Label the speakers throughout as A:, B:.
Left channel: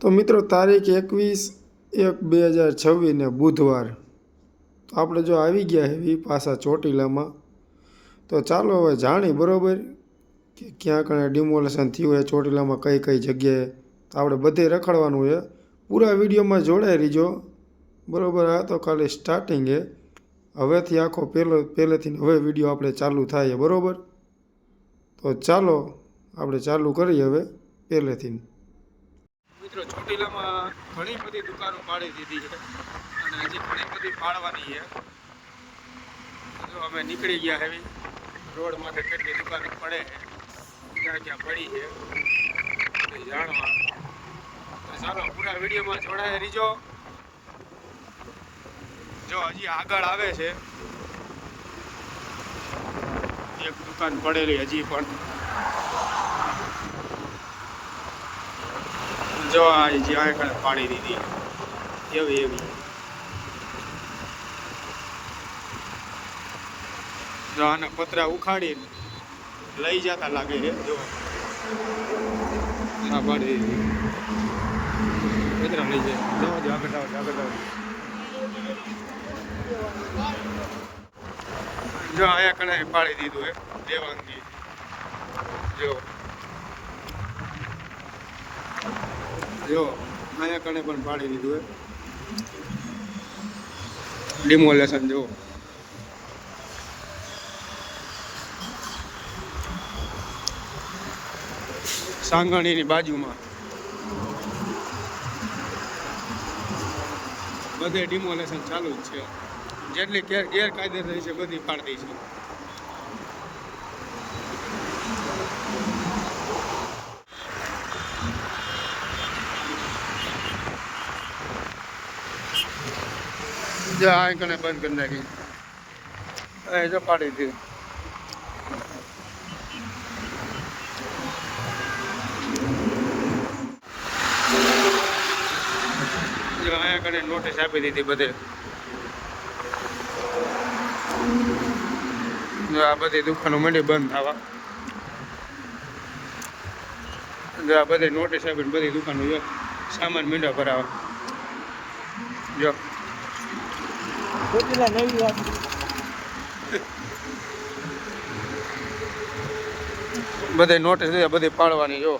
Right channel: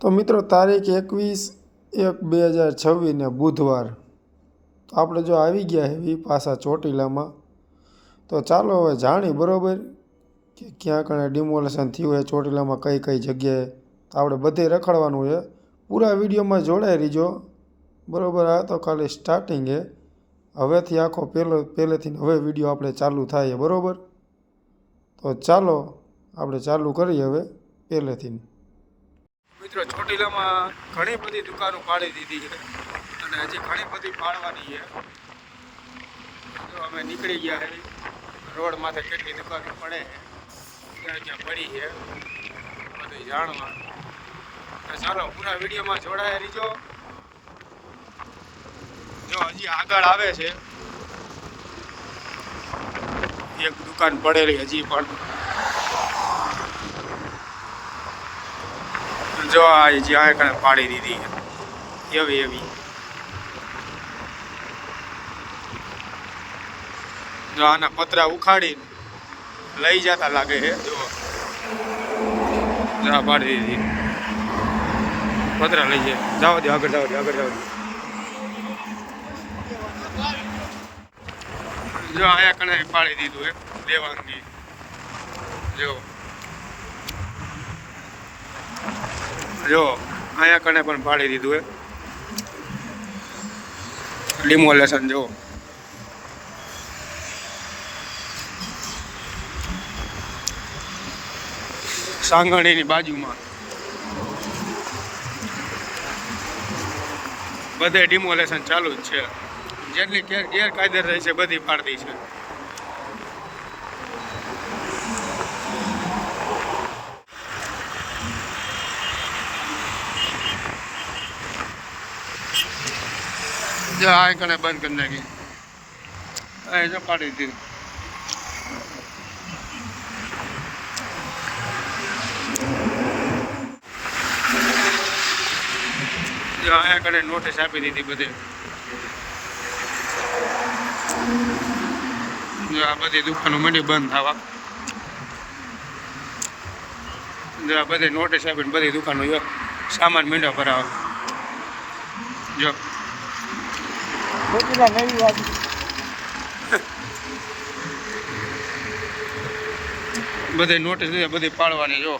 A: તો મિત્રો, તારીખ એકવીસ એક બે હજાર છવ્વીસને બુધવાર. તો આપણે જો આવી ગયા હેવી પાછા ચોટીલામાં, તો ચાલો હવે જાણી બરાબર કે ક્યાં કણે ડિમોલેશન થયું હોય ચોટીલામાં કઈ કઈ જગ્યાએ. તો આપણે બધે રખડવાનું છે પૂરા વિડીયોમાં જોડાઈ રહીજો. બરાબર, આ તો ખાલી સ્ટાર્ટિંગ હે. હવેથી આખો પહેલો, પહેલેથી હવે વીડિયો આપણે ચાલુ થાય બરાબર? તો ચાલો, આપણે ચાલુ કરીએ હવે પહેલેથી. મિત્રો, ચોટીલામાં ઘણી બધી દુકાનો પાડી દીધી છે અને હજી ઘણી બધી પાડવાની છે. જો અમે નીકળી ગયા હવે રોડ માથે કેટલી દુકાનો પડે ક્યાં ક્યાં પડી છે બધું જાણવા. ચાલો, પૂરા વિડીયોમાં જોડાયા રહીજો. જો હજી આગળ આવે છે. એક દુકાન પડેલી હજી પણ. જો આ હજી કને પાડી દીધી એવી એવી. જો આના પતરા ઉખાડી લઈ જતા લાગે છે જો. જો પાડી દીધી. પતરા લઈ જાય. જાઓ દે આગળ જાઓ દે, આગળ જાઓ દે. જો અહીંયા કણે પાડી દીધું હે, દેવાંગી. જો. જો, અહીંયા કણે પણ પાડી દીધું એ ડિમોલેશન જો. સાંગણીની બાજુમાં. બધે ડિમોલેશન ચાલુ જ છે. જેટલી ગેરકાયદે રહી છે, બધી પાડતી છે. આ કને બંધ કરી નાખી. એ જો કાઢી દીધી. અહીંયા કને નોટિસ આપી દીધી બધે. આ બધી દુકાનો મંડી બંધ થવા. જો આ બધી નોટિસ આપીને બધી દુકાનો જો સામાન મીંડો ભરાવા. જો.
B: ચોટીલા નવી વાત
A: બધે નોટિસ દીધા, બધી પાડવાની, જો.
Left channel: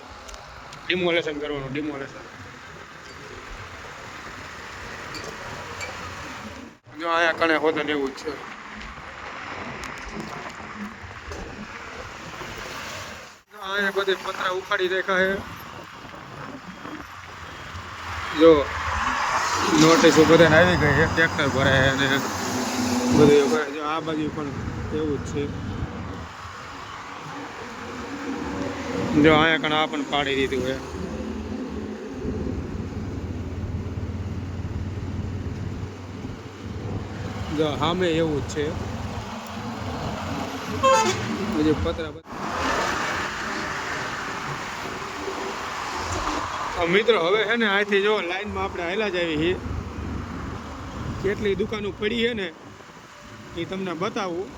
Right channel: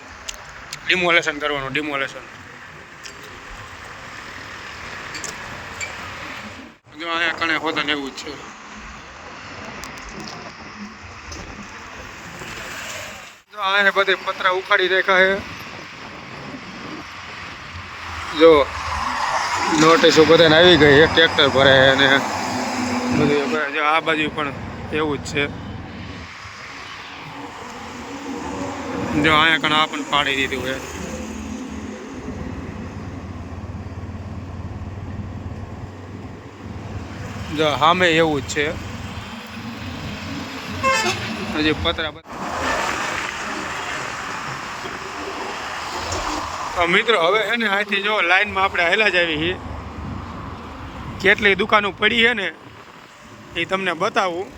A: ડિમોલેશન કરવાનું ડિમોલેશન જો અહીંયા કણે હોતા એવું જ છે. અહીંયા બધી પતરા ઉખાડી રાખ્યા છે. જો. નોટિસો બધાને આવી ગઈ એક ટ્રેક્ટર ભરાય અને બધું એવું કરે આ બાજુ પણ એવું જ છે. જો અહીંયા કણ આ પણ પાડી દીધું હોય જો સામે એવું જ છે. હજી પતરા બત- તો મિત્રો, હવે છે ને અહીંથી જો લાઈનમાં આપણે હેલા જ આવી છીએ. કેટલી દુકાનો પડી છે ને, એ તમને બતાવું.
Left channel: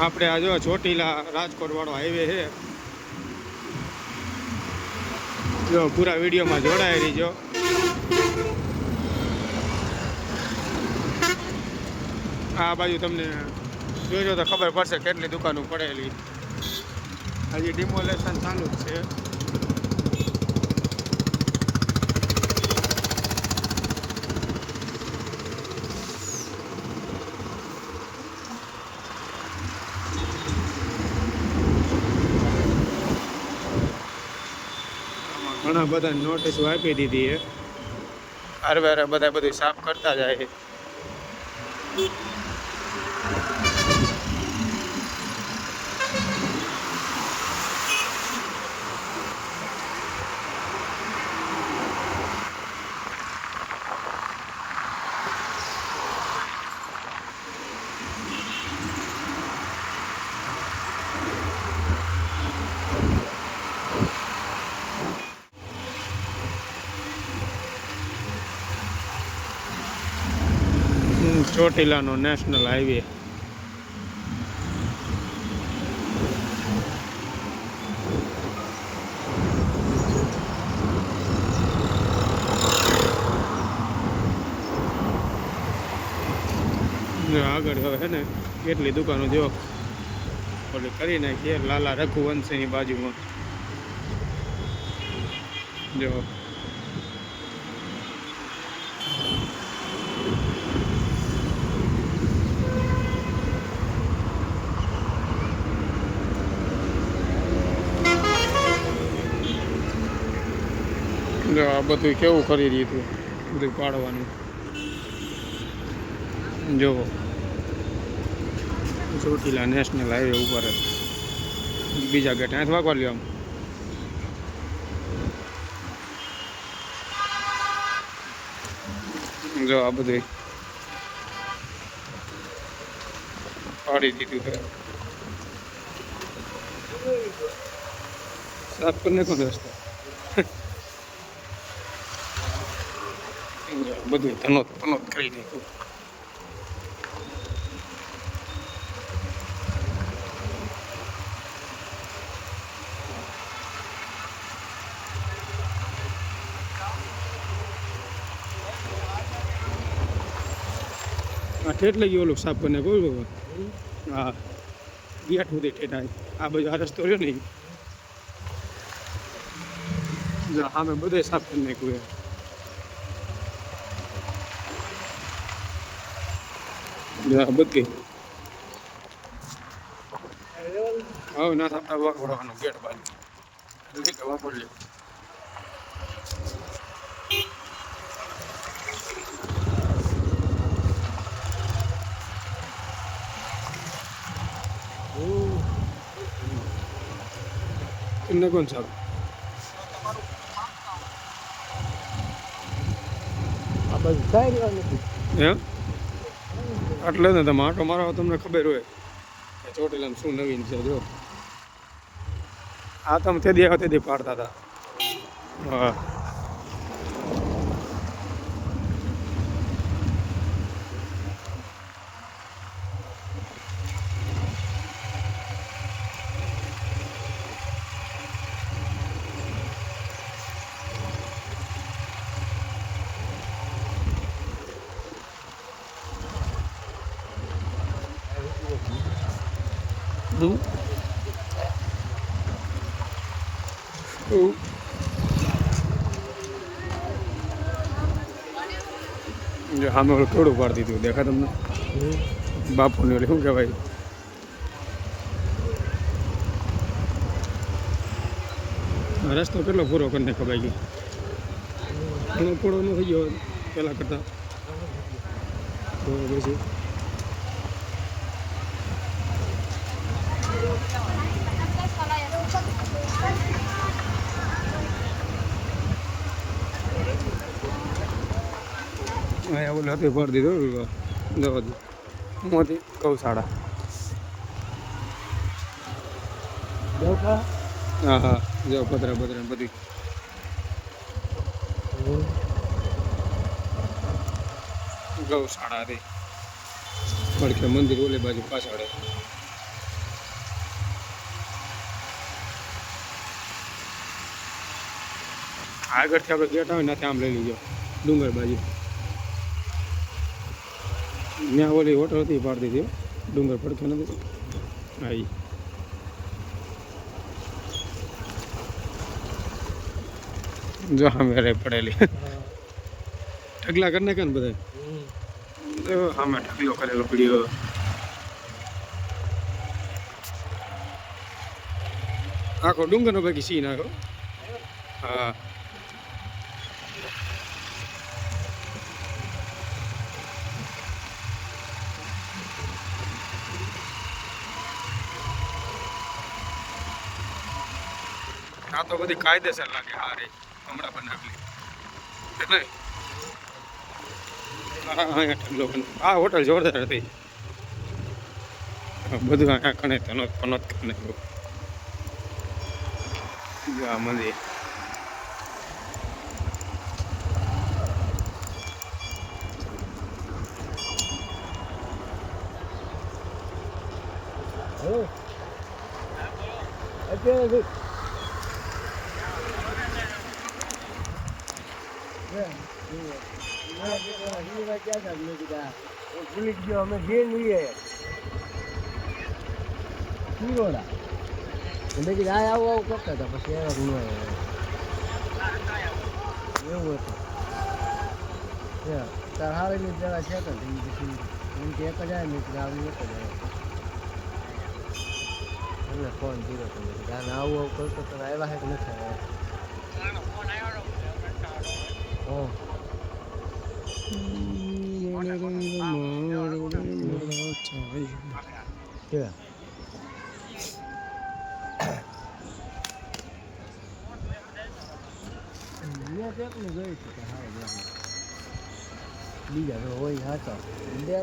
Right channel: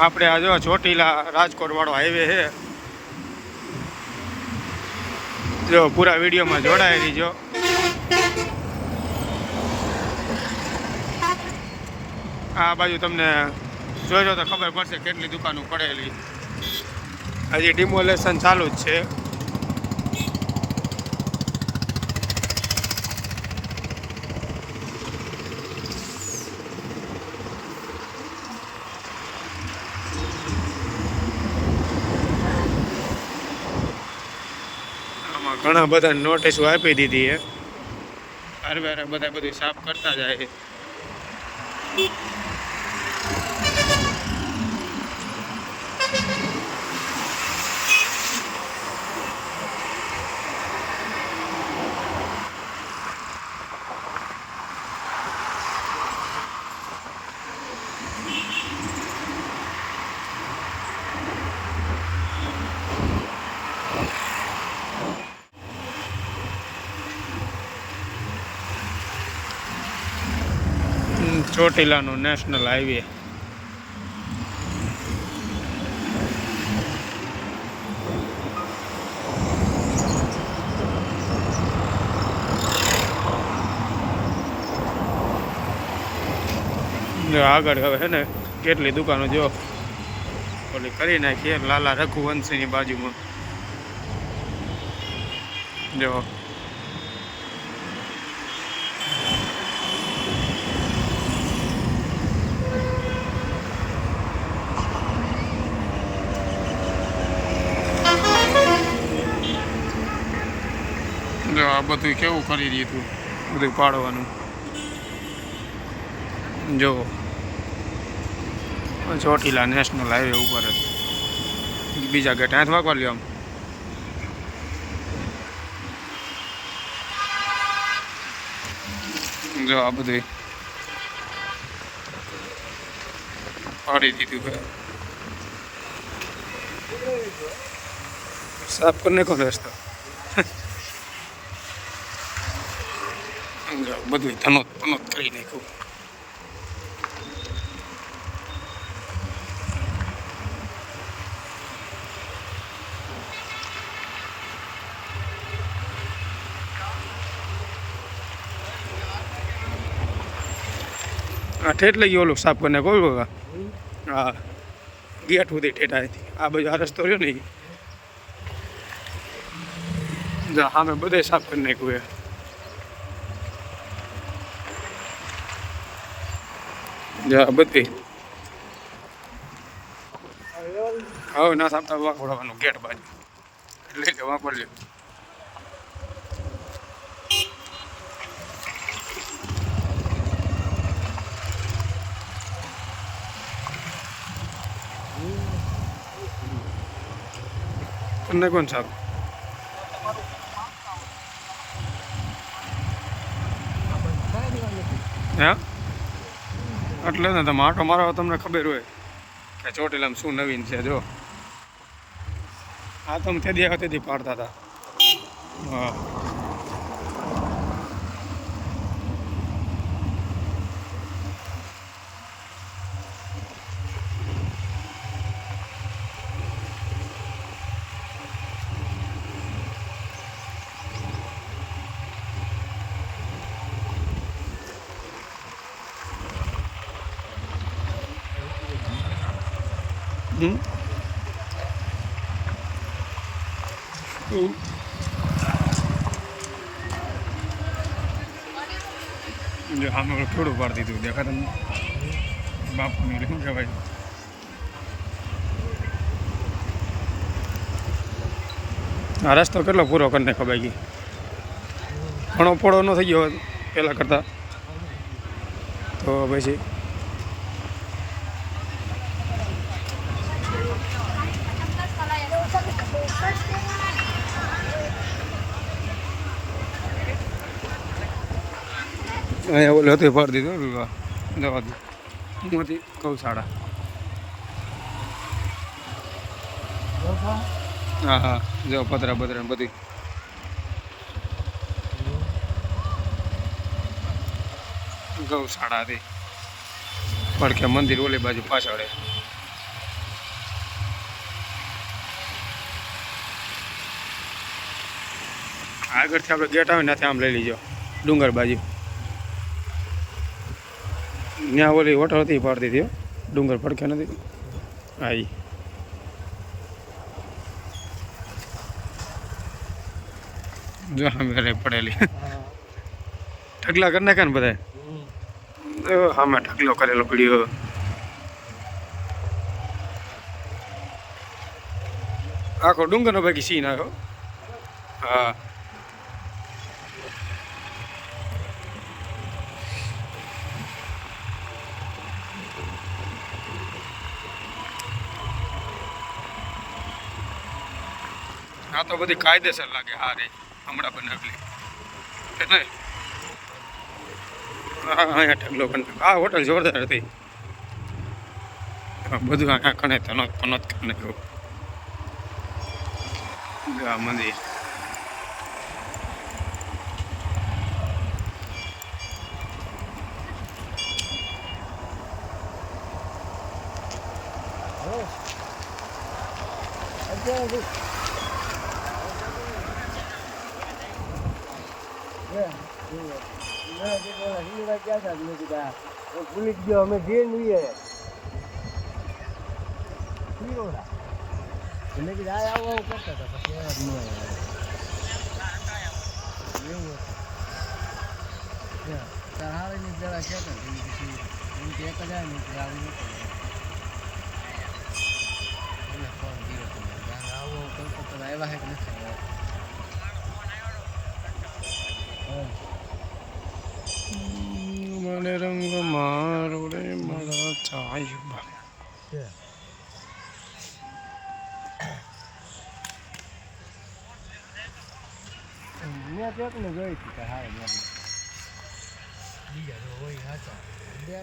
A: આપણે આ જો ચોટીલા રાજકોટવાળો હાઈવે છે. જો પૂરા વિડીયોમાં જોડાયેલી રહીજો. આ બાજુ તમને જોજો તો ખબર પડશે કેટલી દુકાનો પડેલી. હજી ડિમોલેશન ચાલુ જ છે આમાં ઘણા બધા નોટિસો આપી દીધી છે. હારવે બધા બધું સાફ કરતા જાય ચોટીલાનો નેશનલ હાઈવે આગળ હવે હે ને, કેટલી દુકાનો જો ઓલી કરી નાખીએ લાલા રઘુવંશીની બાજુમાં. જો જો આ બધું કેવું કરી હતું બધું પાડવાનું. જો. ચોટીલા નેશનલ હાઈવે ઉપર બીજા ગેટ હાથ વાગવા લ્યો આમ. જો આ બધું પાડી દીધું સાફ કરીને કોણ રસ્તો જો બધું ધનોત કરી નાખ્યું. આ ઠેઠ લઈ ગયો ઓલું સાફ કરીને કોઈ બાબા? હા. ગેટ સુધી ઠેઠ આ બાજુ આ રસ્તો રહ્યો ને સામે બધે સાફ કરી નાખ્યું છે જો આ બધી હવે ના સામતા વાંકોડવાનું ગેટ બાજુ એટલે કે વાંકોડ્યું તમને કોણ સાહેબ હે એટલે ને તમે આટો મારો તમને ખબર હોય. કે ચોટીલામાં શું નવીન છે, જો. આ તમે તે દી દી પાડતા હતા. હા. જો સામે ઓલું કેવડું પાડી દીધું દેખા તમને બાપુની ઓલી શું કહેવાય આ રસ્તો કેટલો પૂરો કરીને નાખો બાકી ઘણો પોળો ન થઈ ગયો પહેલાં કરતાં તો પછી ઓલું એ પાડી દીધું દવા દે મોતી ગૌશાળા. હા હા, જો, પતરા પતરા, બધી. ગૌશાળા હતી. પડખે મંદિર ઓલી બાજુ પાછળ. આગળથી આપણે ગેટ આવે ને ત્યાં આમ લઈ લીજો. ડુંગર બાજુ. ત્યાં ઓલી હોટલ હતી પાડતી હતી ડુંગર પડખે નથી. ઈ જો સામે પડેલી. ઢગલા કરી નાખે ને બધા સામે ઢગલો કરેલો પીડ્યો. આખો ડુંગરનો બાકી સીન આવ્યો. હા. આ તો બધી કાયદેસર લાગે આ રે હમણાં બનાવેલી કે અહીંયા ઢગલો કંટ્રો આ હોટલ જોરદાર હતી. બધું અહીંયા કણે તનો પનોત કણે આ મંદિર.
B: Yeah, ભૂલી ગયો અમે જે લઈએ ભૂલોડા એટલે કે આ આવું આવું કરતા હતા પછી આવ્યા ભૂલો એવું છે તો પછી એમ કે એક આવું એક હજાર આવું આવું નથી મેં ચોકને જોઈ હતી કે હારે જોઈ બીજા જો હોય હાચો બે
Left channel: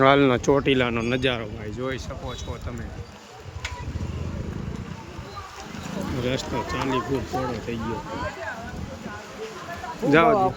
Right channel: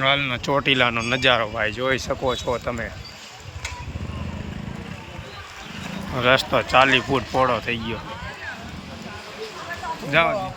A: હાલનો ચોટીલાનો નજારો ભાઈ, જોઈ શકો છો તમે. રસ્તો ચાલી ફૂટ પોળો થઈ ગયો. જાઓ